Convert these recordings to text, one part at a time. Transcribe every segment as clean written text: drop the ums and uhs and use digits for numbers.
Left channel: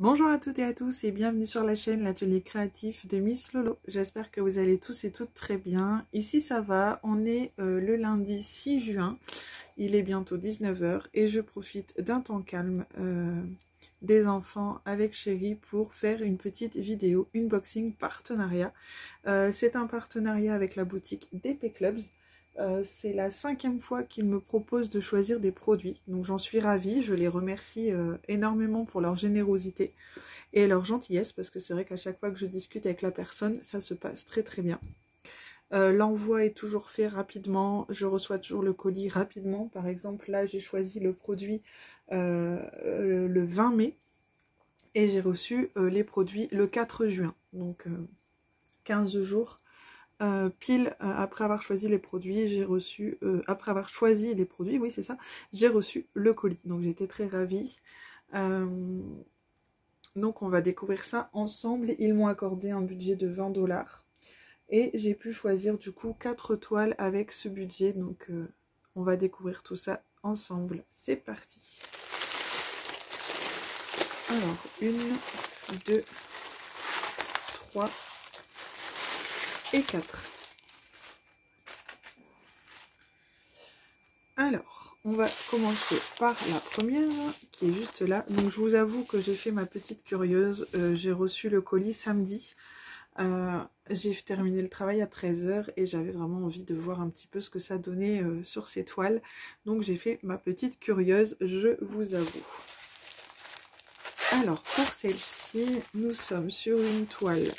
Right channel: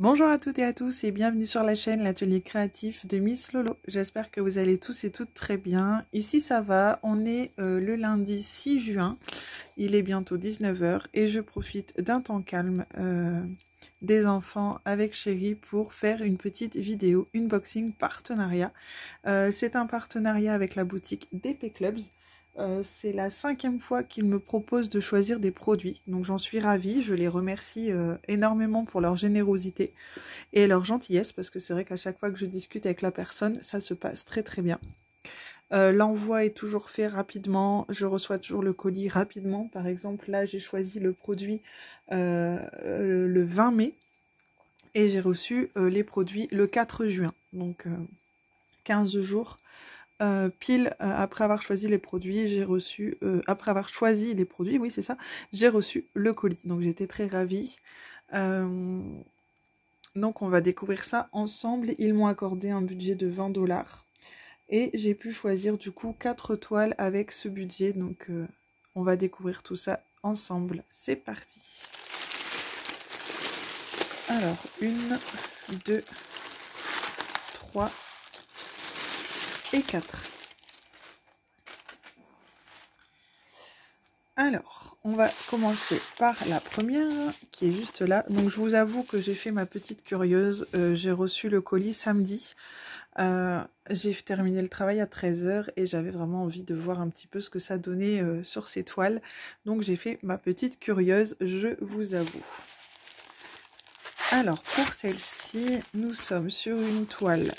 Bonjour à toutes et à tous et bienvenue sur la chaîne L'Atelier Créatif de Miss Lolo. J'espère que vous allez tous et toutes très bien. Ici ça va, on est le lundi 6 juin, il est bientôt 19 h et je profite d'un temps calme des enfants avec Chérie pour faire une petite vidéo unboxing partenariat. C'est un partenariat avec la boutique DP Clubs. C'est la 5e fois qu'ils me proposent de choisir des produits, donc j'en suis ravie, je les remercie énormément pour leur générosité et leur gentillesse, parce que c'est vrai qu'à chaque fois que je discute avec la personne, ça se passe très très bien. L'envoi est toujours fait rapidement, je reçois toujours le colis rapidement. Par exemple là j'ai choisi le produit le 20 mai et j'ai reçu les produits le 4 juin, donc 15 jours. Pile après avoir choisi les produits, j'ai reçu, après avoir choisi les produits, oui c'est ça, j'ai reçu le colis. Donc j'étais très ravie. Donc on va découvrir ça ensemble. Ils m'ont accordé un budget de 20 $ et j'ai pu choisir du coup 4 toiles avec ce budget. Donc on va découvrir tout ça ensemble. C'est parti. Alors 1, 2, 3 et 4. Alors, on va commencer par la première qui est juste là. Donc je vous avoue que j'ai fait ma petite curieuse. J'ai reçu le colis samedi. J'ai terminé le travail à 13 h et j'avais vraiment envie de voir un petit peu ce que ça donnait sur ces toiles. Donc j'ai fait ma petite curieuse, je vous avoue. Alors pour celle-ci, nous sommes sur une toile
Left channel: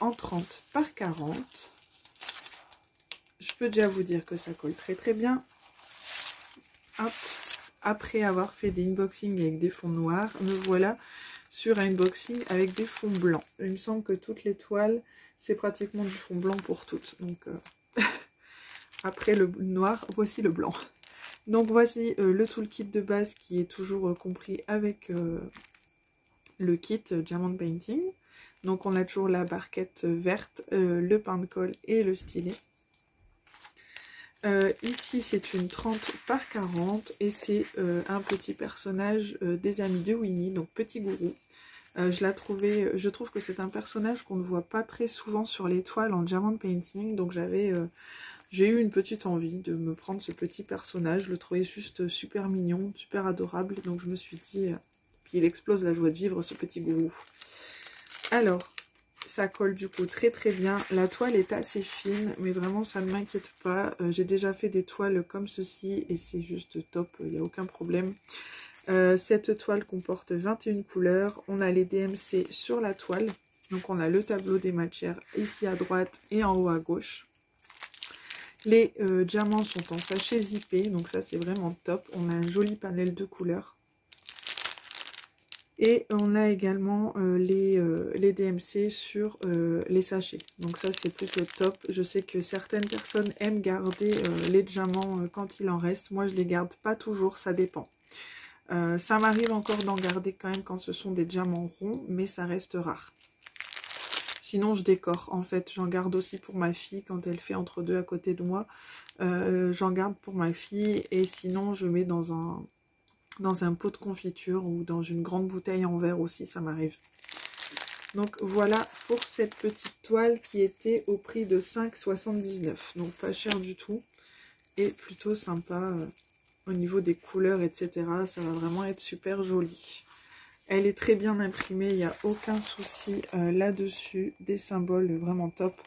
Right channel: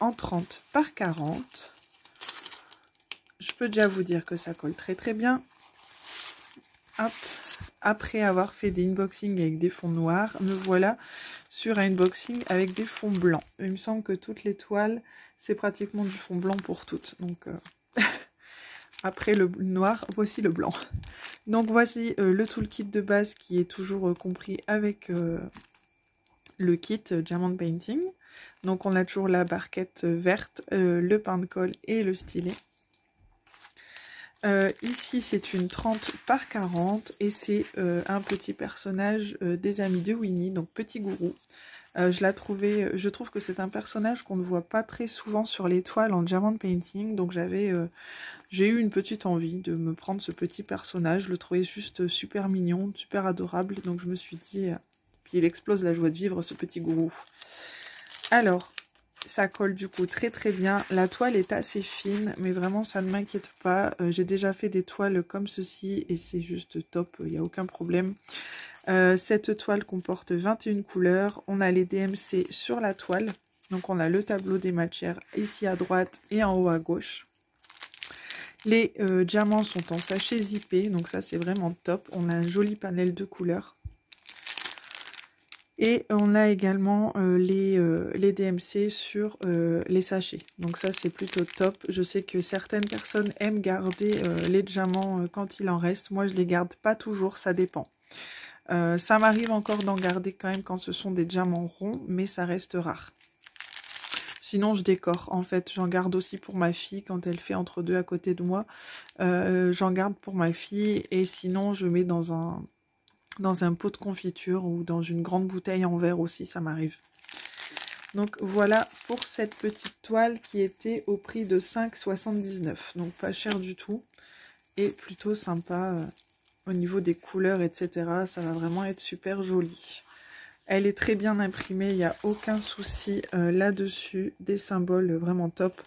en 30 par 40. Je peux déjà vous dire que ça colle très très bien. Hop. Après avoir fait des unboxings avec des fonds noirs, me voilà sur un unboxing avec des fonds blancs. Il me semble que toutes les toiles, c'est pratiquement du fond blanc pour toutes. Donc après le noir, voici le blanc. Donc voici le toolkit de base qui est toujours compris avec le kit Diamond Painting. Donc on a toujours la barquette verte, le pain de colle et le stylet. Ici c'est une 30 par 40 et c'est un petit personnage des amis de Winnie, donc Petit Gourou. Je trouve que c'est un personnage qu'on ne voit pas très souvent sur les toiles en Diamond Painting, donc j'ai eu une petite envie de me prendre ce petit personnage. Je le trouvais juste super mignon, super adorable, donc je me suis dit, puis il explose la joie de vivre ce Petit Gourou. Alors, ça colle du coup très très bien. La toile est assez fine, mais vraiment ça ne m'inquiète pas. J'ai déjà fait des toiles comme ceci et c'est juste top, il n'y a aucun problème. Cette toile comporte 21 couleurs. On a les DMC sur la toile. Donc on a le tableau des matières ici à droite et en haut à gauche. Les diamants sont en sachet zippé, donc ça c'est vraiment top. On a un joli panel de couleurs. Et on a également les DMC sur les sachets. Donc ça c'est plutôt top. Je sais que certaines personnes aiment garder les diamants quand il en reste. Moi je les garde pas toujours, ça dépend. Ça m'arrive encore d'en garder quand même quand ce sont des diamants ronds, mais ça reste rare. Sinon je décore. En fait j'en garde aussi pour ma fille quand elle fait entre deux à côté de moi. J'en garde pour ma fille et sinon je mets dans un pot de confiture ou dans une grande bouteille en verre aussi, ça m'arrive. Donc voilà pour cette petite toile qui était au prix de 5,79 €. Donc pas cher du tout et plutôt sympa au niveau des couleurs, etc. Ça va vraiment être super joli. Elle est très bien imprimée, il n'y a aucun souci là-dessus. Des symboles vraiment top.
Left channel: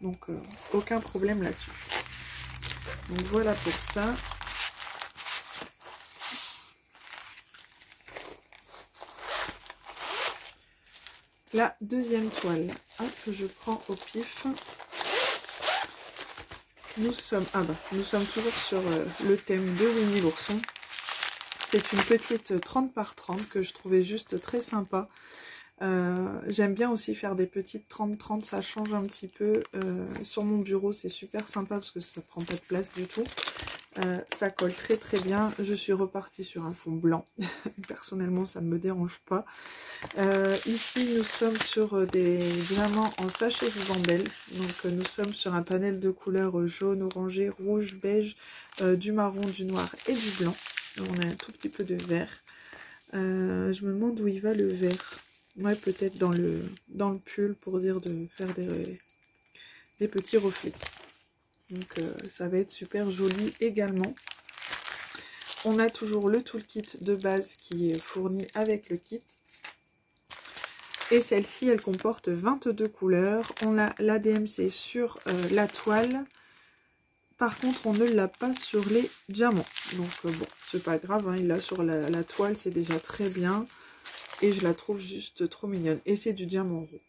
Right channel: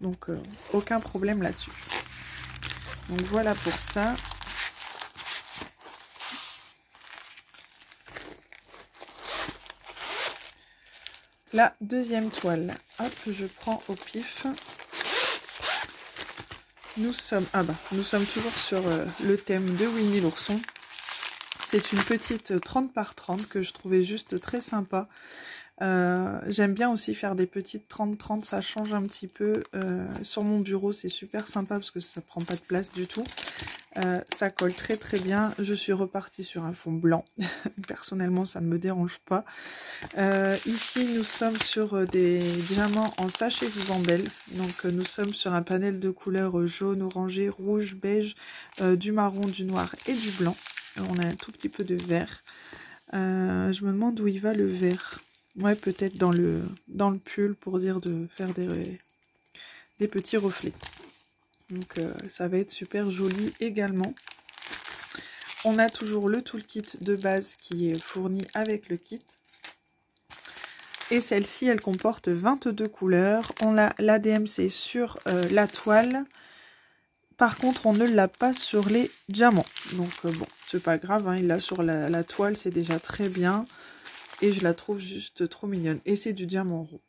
Donc aucun problème là-dessus. Donc voilà pour ça. La deuxième toile, hop, je prends au pif. Nous sommes toujours sur le thème de Winnie l'ourson. C'est une petite 30 par 30 que je trouvais juste très sympa. J'aime bien aussi faire des petites 30-30, ça change un petit peu. Sur mon bureau, c'est super sympa parce que ça prend pas de place du tout. Ça colle très très bien. Je suis repartie sur un fond blanc. Personnellement, ça ne me dérange pas. Ici, nous sommes sur des diamants en sachet Vivandel. Donc, nous sommes sur un panel de couleurs jaune, orangé, rouge, beige, du marron, du noir et du blanc. On a un tout petit peu de vert. Je me demande où il va le vert. Ouais, peut-être dans le pull pour dire de faire des petits reflets. Donc ça va être super joli également. On a toujours le toolkit de base qui est fourni avec le kit. Et celle-ci, elle comporte 22 couleurs. On a la DMC sur la toile. Par contre, on ne l'a pas sur les diamants. Donc bon, c'est pas grave, hein, il l'a sur la toile, c'est déjà très bien. Et je la trouve juste trop mignonne. Et c'est du diamant roux.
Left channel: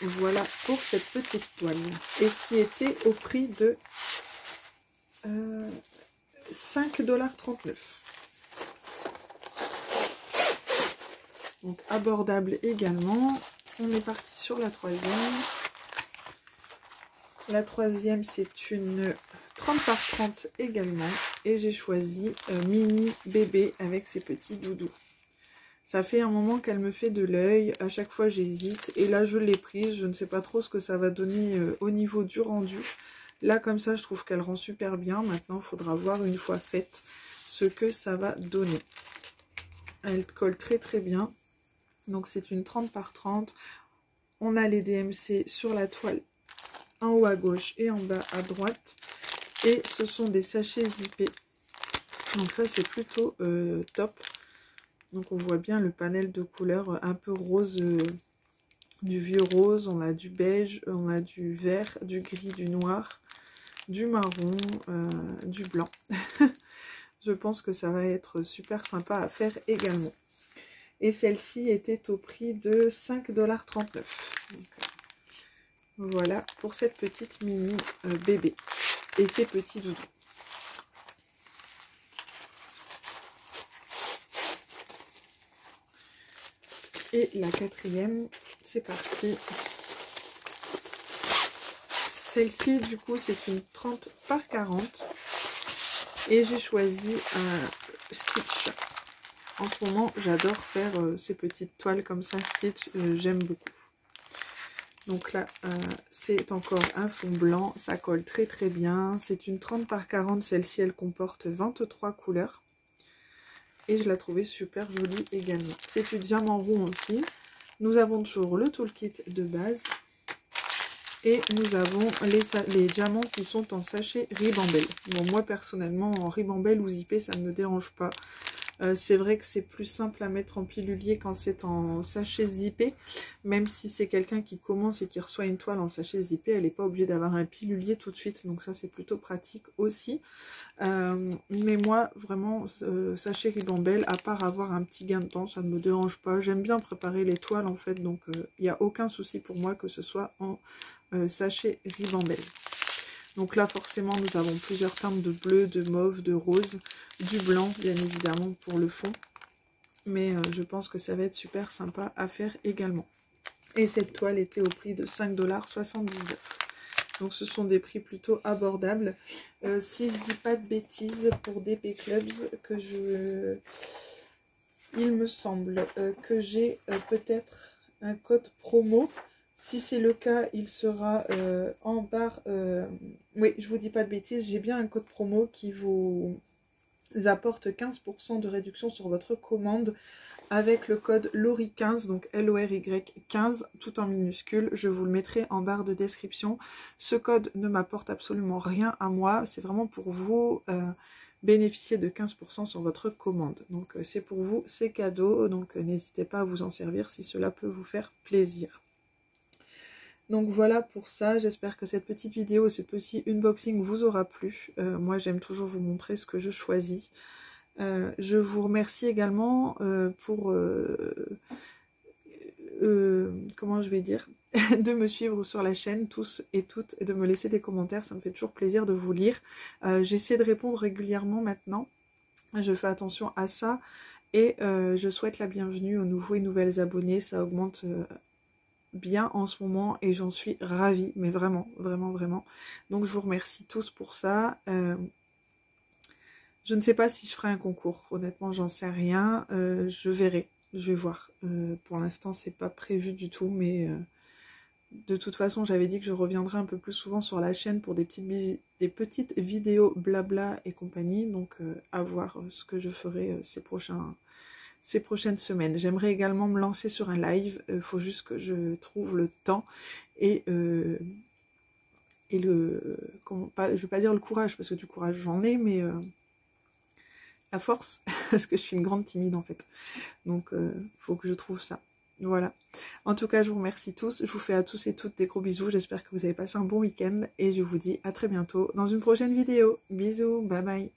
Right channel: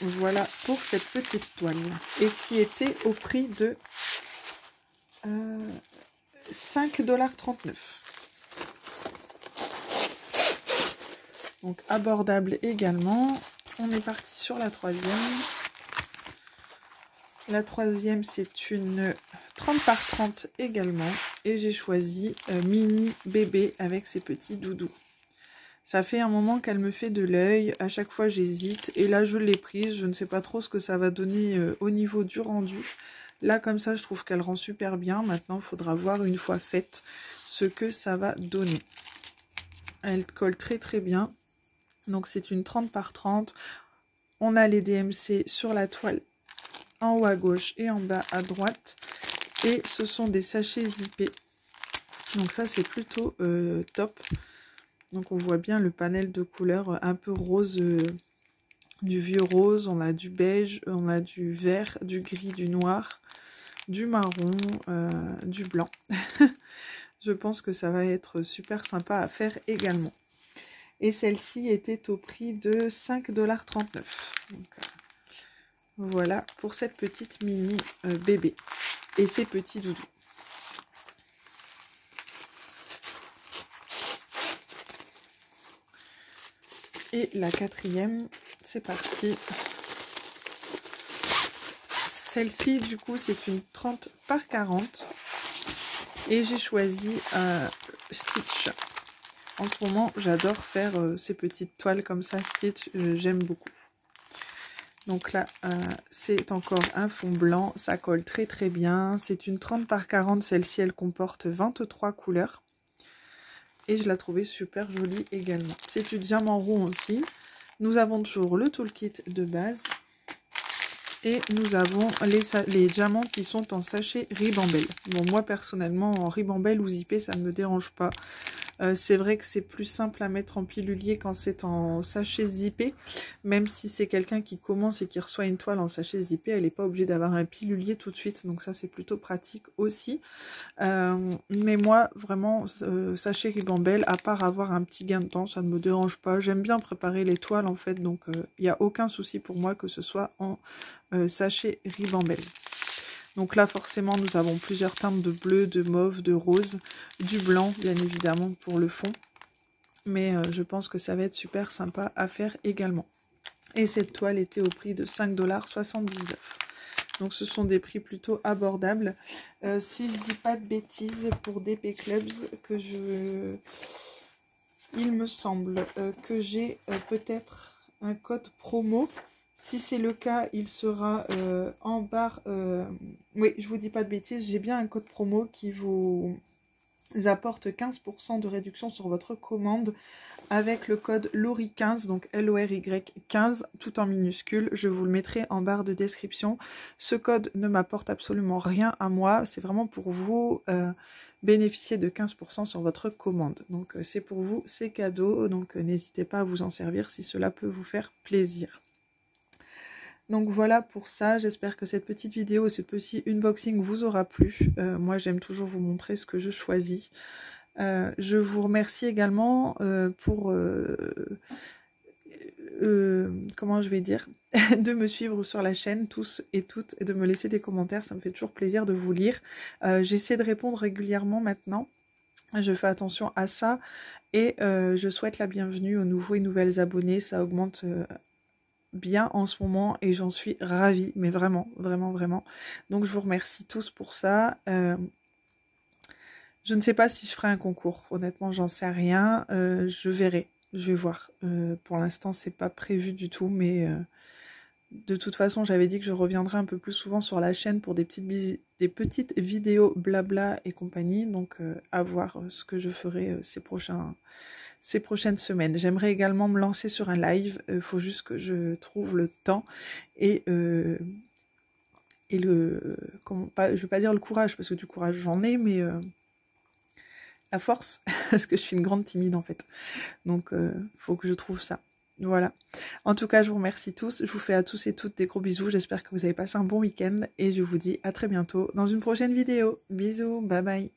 Voilà pour cette petite toile. Et qui était au prix de 5,39 $. Donc abordable également. On est parti sur la troisième. La troisième, c'est une 30 par 30 également. Et j'ai choisi mini bébé avec ses petits doudous. Ça fait un moment qu'elle me fait de l'œil. À chaque fois, j'hésite. Et là, je l'ai prise. Je ne sais pas trop ce que ça va donner au niveau du rendu. Là, comme ça, je trouve qu'elle rend super bien. Maintenant, il faudra voir une fois faite ce que ça va donner. Elle colle très très bien. Donc, c'est une 30 par 30. On a les DMC sur la toile en haut à gauche et en bas à droite. Et ce sont des sachets zippés. Donc, ça, c'est plutôt top. Donc, on voit bien le panel de couleurs un peu rose, du vieux rose. On a du beige, on a du vert, du gris, du noir, du marron, du blanc. Je pense que ça va être super sympa à faire également. Et celle-ci était au prix de 5,39 $. Donc, voilà pour cette petite mini bébé et ses petits doudous. Et la quatrième, c'est parti. Celle-ci, du coup, c'est une 30 par 40. Et j'ai choisi un Stitch. En ce moment, j'adore faire ces petites toiles comme ça, Stitch, j'aime beaucoup. Donc là, c'est encore un fond blanc, ça colle très très bien. C'est une 30 par 40, celle-ci, elle comporte 23 couleurs. Et je la trouvais super jolie également. C'est du diamant rond aussi. Nous avons toujours le toolkit de base. Et nous avons les diamants qui sont en sachet ribambelle. Bon, moi personnellement, en ribambelle ou zippé, ça ne me dérange pas. C'est vrai que c'est plus simple à mettre en pilulier quand c'est en sachet zippé. Même si c'est quelqu'un qui commence et qui reçoit une toile en sachet zippé, elle n'est pas obligée d'avoir un pilulier tout de suite. Donc ça, c'est plutôt pratique aussi. Mais moi, vraiment, sachet ribambelle, à part avoir un petit gain de temps, ça ne me dérange pas. J'aime bien préparer les toiles en fait. Donc il n'y a aucun souci pour moi que ce soit en sachet ribambelle. Donc là, forcément, nous avons plusieurs teintes de bleu, de mauve, de rose, du blanc, bien évidemment, pour le fond. Mais je pense que ça va être super sympa à faire également. Et cette toile était au prix de 5,79 $. Donc ce sont des prix plutôt abordables. Si je dis pas de bêtises, pour DP Clubs, il me semble que j'ai peut-être un code promo. Si c'est le cas, il sera en barre. Oui, je vous dis pas de bêtises, j'ai bien un code promo qui vous apporte 15% de réduction sur votre commande avec le code LORY15, donc LORY 15, tout en minuscule. Je vous le mettrai en barre de description. Ce code ne m'apporte absolument rien à moi, c'est vraiment pour vous bénéficier de 15% sur votre commande. Donc c'est pour vous, c'est cadeau, donc n'hésitez pas à vous en servir si cela peut vous faire plaisir. Donc voilà pour ça, j'espère que cette petite vidéo, ce petit unboxing vous aura plu. Moi j'aime toujours vous montrer ce que je choisis. Je vous remercie également pour, comment je vais dire, de me suivre sur la chaîne, tous et toutes, et de me laisser des commentaires, ça me fait toujours plaisir de vous lire. J'essaie de répondre régulièrement maintenant, je fais attention à ça, et je souhaite la bienvenue aux nouveaux et nouvelles abonnés, ça augmente bien en ce moment et j'en suis ravie, mais vraiment, vraiment, vraiment. Donc je vous remercie tous pour ça. Je ne sais pas si je ferai un concours, honnêtement j'en sais rien, je verrai, je vais voir. Pour l'instant c'est pas prévu du tout, mais de toute façon j'avais dit que je reviendrai un peu plus souvent sur la chaîne pour des petites vidéos blabla et compagnie, donc à voir ce que je ferai ces ces prochaines semaines. J'aimerais également me lancer sur un live. Il faut juste que je trouve le temps et comment, pas, je veux pas dire le courage, parce que du courage j'en ai, mais la force, parce que je suis une grande timide en fait. Donc faut que je trouve ça. Voilà. En tout cas, je vous remercie tous. Je vous fais à tous et toutes des gros bisous. J'espère que vous avez passé un bon week-end et je vous dis à très bientôt dans une prochaine vidéo. Bisous, bye bye.